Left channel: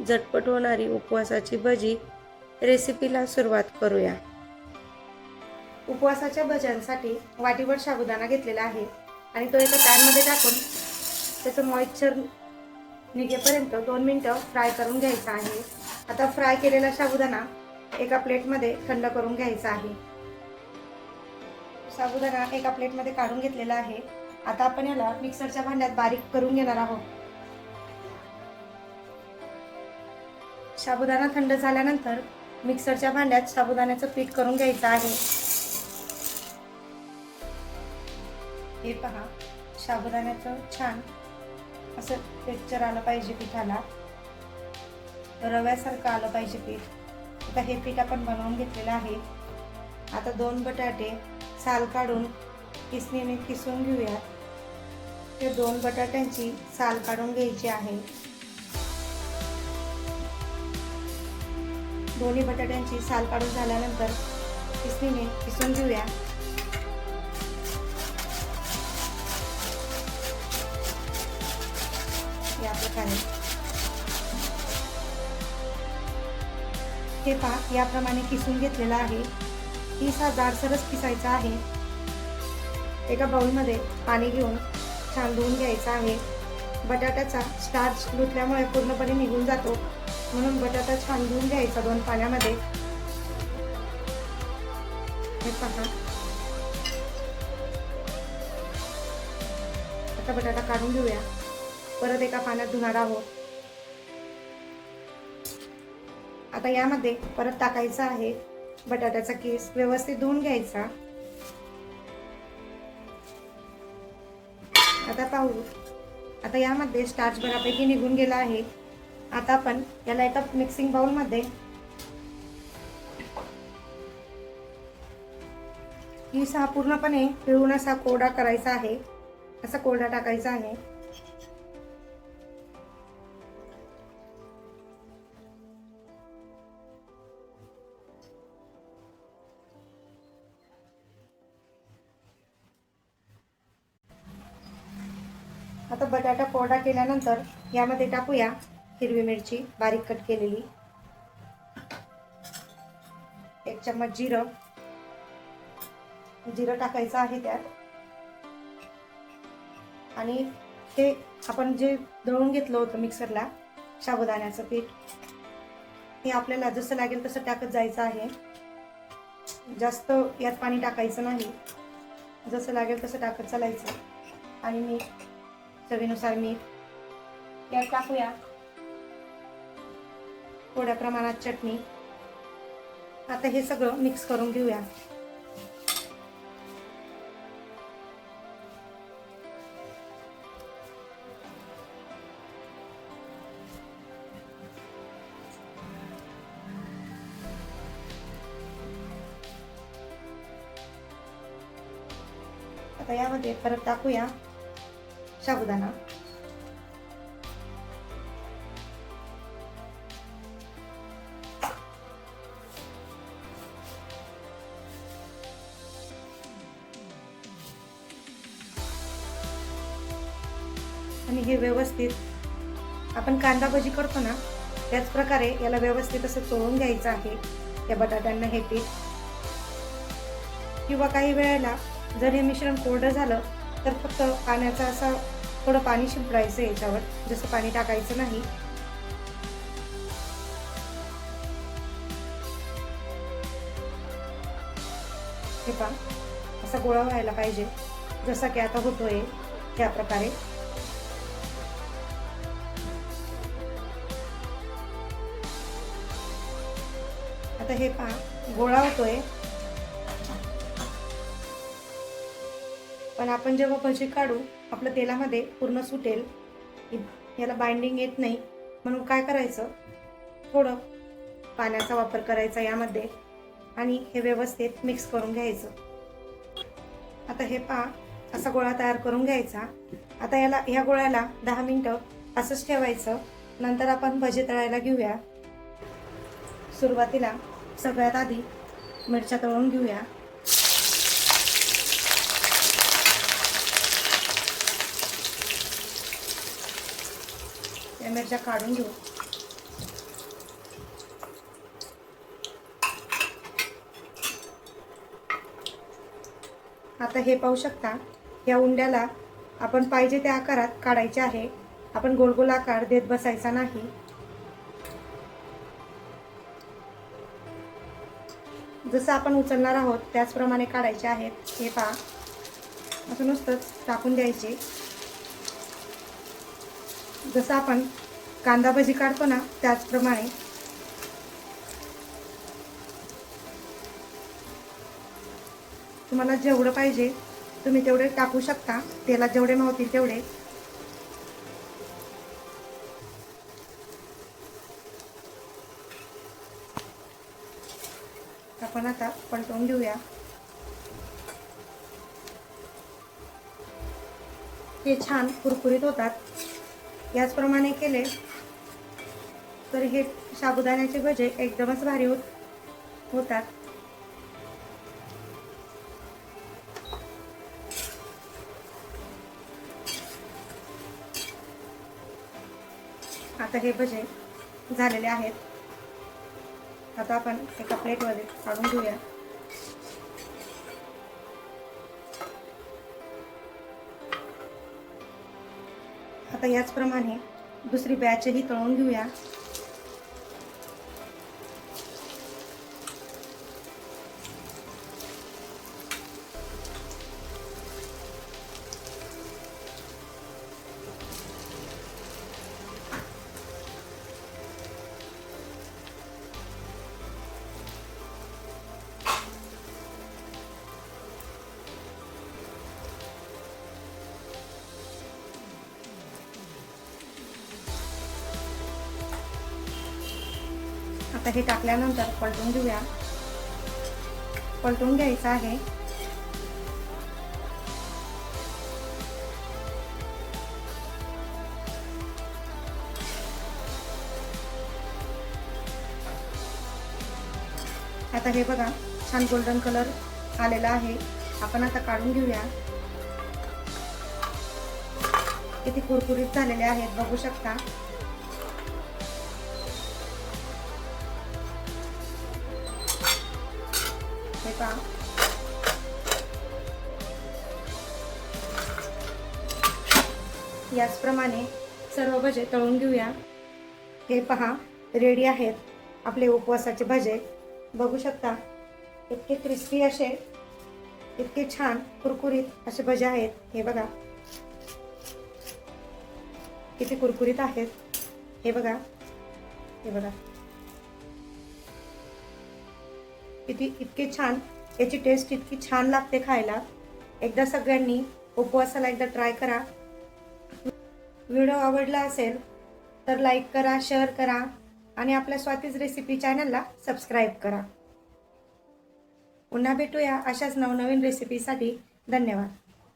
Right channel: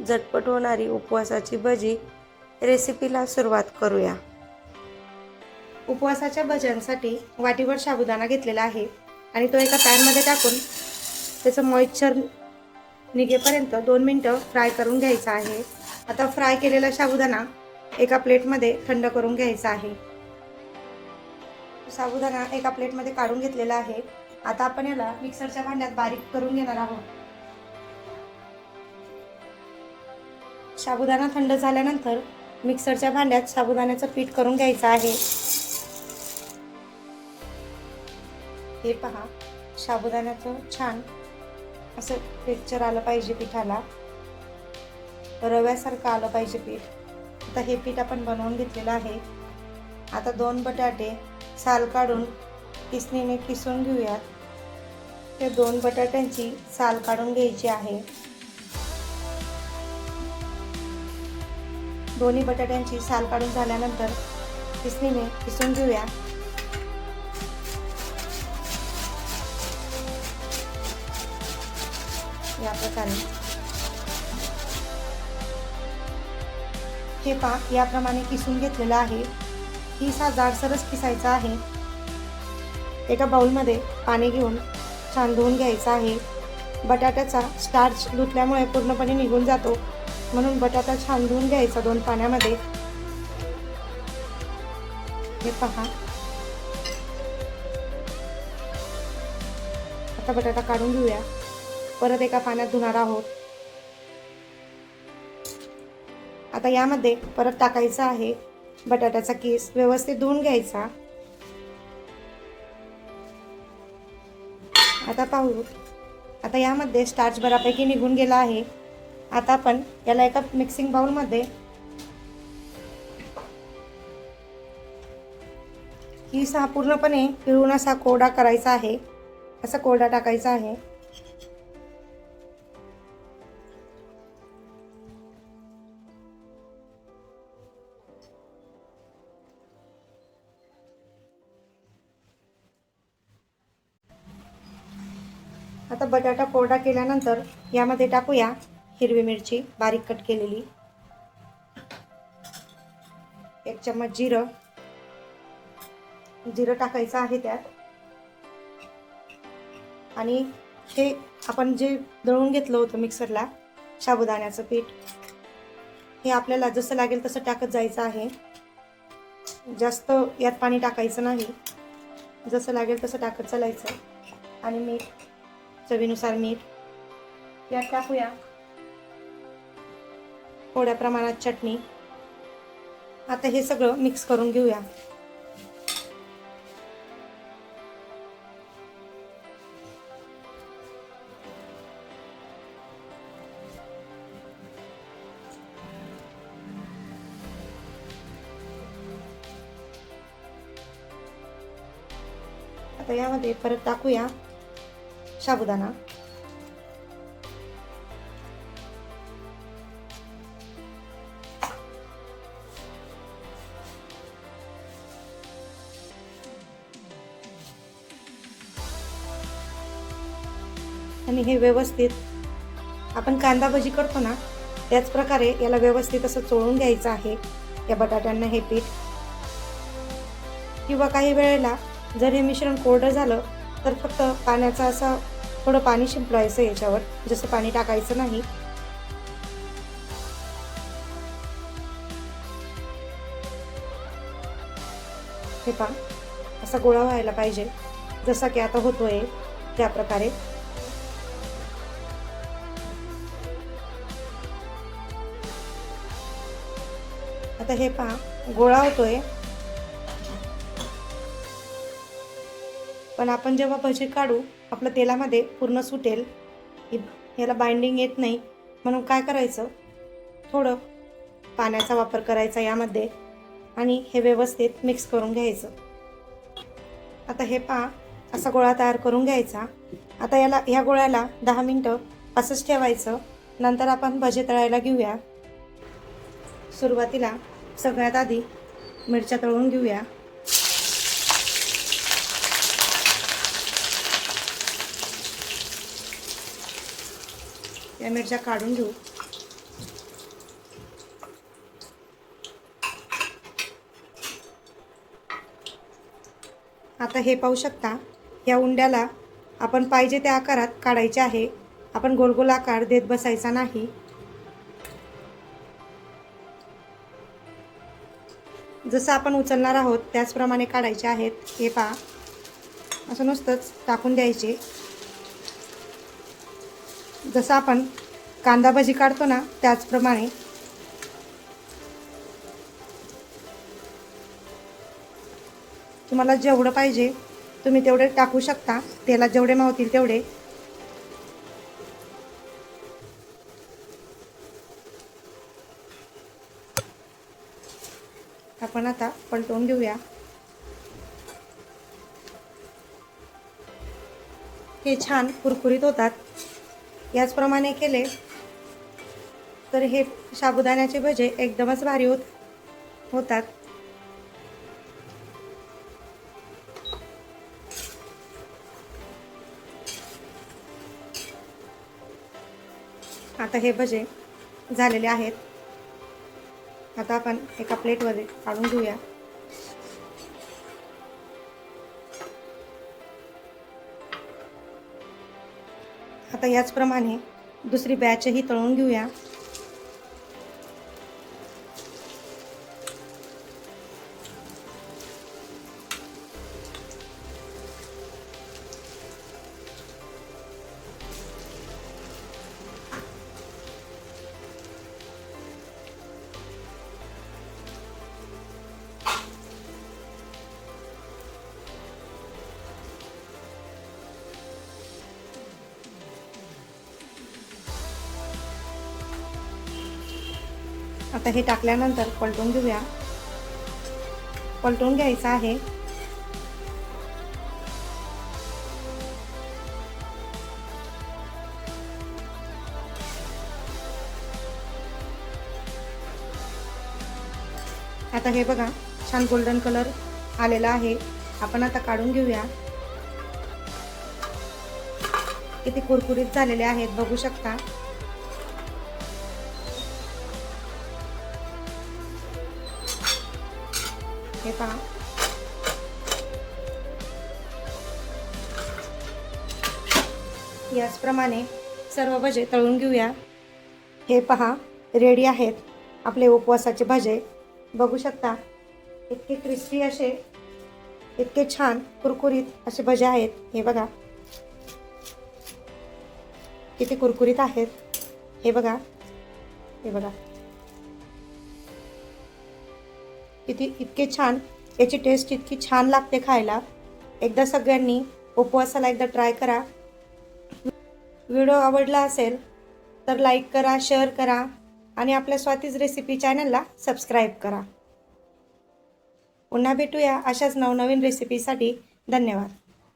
झटपट होणारी उपवासाची भजी रेसिपीला सुरुवात करूया। उपवासाच्या भज्यांसाठी वाटीभर साबुदाणा घेतलेला आहे आणि तो एका पॅनमध्ये टाकून त्याचं मॉइश्चर निघेपर्यंत 2 मिनिटं फ्राय करून घ्यायचा आहे। आता फ्राय केलेला साबुदाणा एका प्लेटमध्ये थंड करून घ्यायचा आहे। साबुदाणा एका प्लेटमध्ये काढून घेतलेला आहे। आता आपण याला मिक्सरच्या भांड्यात बारीक करून घेणार आहोत। साबुदाणा थंड झाल्यानंतर मिक्सरच्या भांड्यात साबुदाण्याचं पीठ करून घ्यायचं आहे। हे पहा, साबुदाण्याचं छान असं टेक्स्चर आलं पाहिजे, पिठाला रव्यासारखं आलं पाहिजे पीठ। आता हे पीठ आपण बनवून घेतलेलं आहे। आता 2 बटाटे साल काढून किसणीने किसून घेऊया। ते 2 बटाट्यांची साल काढून घ्यायची आहे। दोन्ही बटाट्यांची साल काढून झाल्यानंतर किसणीने किसून घेऊया। या प्रकारे हे पहा, याप्रमाणे किसून घेतलेलं आहे। हा जाडसरच किसायचा आहे। एका बाउलमध्ये पाणी घेऊन छान धुवून घ्यायचं आहे। बटाट्याचा स्टार्च धुतल्यामुळे पूर्णपणे निघून जातो, म्हणून बटाटा छान धुवून घ्यायचा 2 पाण्यामध्ये। हे पहा, आता बटाटा काढून घेऊया। परत एका पाण्यात धुणार आहोत। आता यामध्ये परत टाकायचा आहे बटाट्याचा किस, व्यवस्थित धुवून घ्यायचा। आता पाहू, आता यामध्ये स्टार्च बऱ्यापैकी निघून गेला आहे। आता आपण याला एका मिक्सिंग बाउलमध्ये हा पूर्णपणे पिळून असा कोरडा करायचा आहे। असा कोरडा टाकायचा आहे। आता बटाटा कोरडा केल्यानंतर यामध्ये टाकूया हिरवी मिरची बारीक कट केलेली, 1 चम्मच जिरं टाकायचं आहे त्यात। आणि हे आपण जे दळून घेतलं होतं मिक्सरला साबुदाण्याचं पीठ, हे आपल्याला जसं लागेल तसं टाकत जायचं आहे। जास्त यात पाणी टाकायचं नाही, जसं लागेल तसं टाकत चालायचं। आणि मीठ, चवीनुसार मीठ यात टाकूया। थोड्या प्रमाणात चटणी। आता हे सगळं मिक्स करून घेऊया। आता यामध्ये परत टाकूया साबुदाणा। आणि हे व्यवस्थित आपण कांदा भजी करतो ना, त्याच प्रकारे याला व्यवस्थित असं चोळून घ्यायचं आहे या बटाट्यांना हे पीठ। किंवा काही वेळेला जर हे मिश्रण कोरडं झालं तर फक्त पाण्याचा असा थोडं पाणी शिंपडायचं याच्यावर, जसं पाणी टाकायचं नाही। हे पहा, असा गोळा व्हायला पाहिजे, जसा की आता होतोय त्या प्रकारे। आता हे पहा, गोळा होतोय। पण आपण जेव्हा भजी काढू, आपलं तेलामध्ये पूर्ण सुटेल, याला बाइंडिंग येत नाही, म्हणून काय करायचं, थोडं पाण्याचा वापर करायचा यामध्ये आणि हे व्यवस्थित मिक्स करून घ्यायचं। आता हे पहा, असा गोळा तयार करून घ्यायचा। आता या गोळ्याला 10 मिनिटं असंच ठेवायचं। नंतर आपण भजी तळायला घेऊया। सुरुवातीला सगळ्यात आधी मिरच्या तळून घेऊया। या मिरच्या काढून घेऊ। आता हे पाहू शकता, या उंड्याला आपण पाहिजे त्या आकारात काढायचे आहे. आपण गोल गोल आकार देत बसायचा नाही. जसं आपण उचलणार आहोत त्याचप्रमाणे काढायचे आहेत. हे पहा, असं नुसतंच टाकून द्यायचे. जसं आपण कांदा भजी काढतो ना त्याचप्रमाणे. तुम्हाला जेवढं पाहिजे तुम्ही तेवढे टाकू शकता, तेलात जेवढे मावतील तेवढे. आपण आता पलटवून घेऊया. हे छान कुरकुरीत होतात. याचप्रमाणे केले तर हे साबुदाण्याचे भजे एकदमच भारी होतात. आता हे भजे झालेले आहेत. आता आपण एका प्लेटमध्ये काढून घेऊया. आता याचप्रमाणे दुसरी बॅचही तळून घेऊया. आता हे टाकल्यानंतर पलटून घेऊया. पलटून घ्यायचं आहे. आता हे बघा, छान गोल्डन कलर आलेला आहे. आपण आता काढून घेऊया. किती कुरकुरीत झालेले आहेत बघू शकता. हे पहा, याचप्रमाणे सर्व भजे तळून घेऊया. हे पहा, रेडी आहेत आपले उपवासाचे भजे. बघू शकता, इतके क्रिस्पी असे, इतके छान कुरकुरीत असे भजे आहेत. हे बघा किती कुरकुरीत आहेत. हे बघा, हे बघा इतके छान. याची टेस्ट इतकी छान लागते खायला. एकदा सगळ्यांनी उपवासाला एकदा ट्राय करा. व्हिडिओ आवडला असेल तर लाईक करा, शेअर करा आणि आपल्या स्वातीज रेसिपी चॅनलला सबस्क्राईब करा. पुन्हा भेटूया अशाच नवनवीन रेसिपीसाठी. धन्यवाद.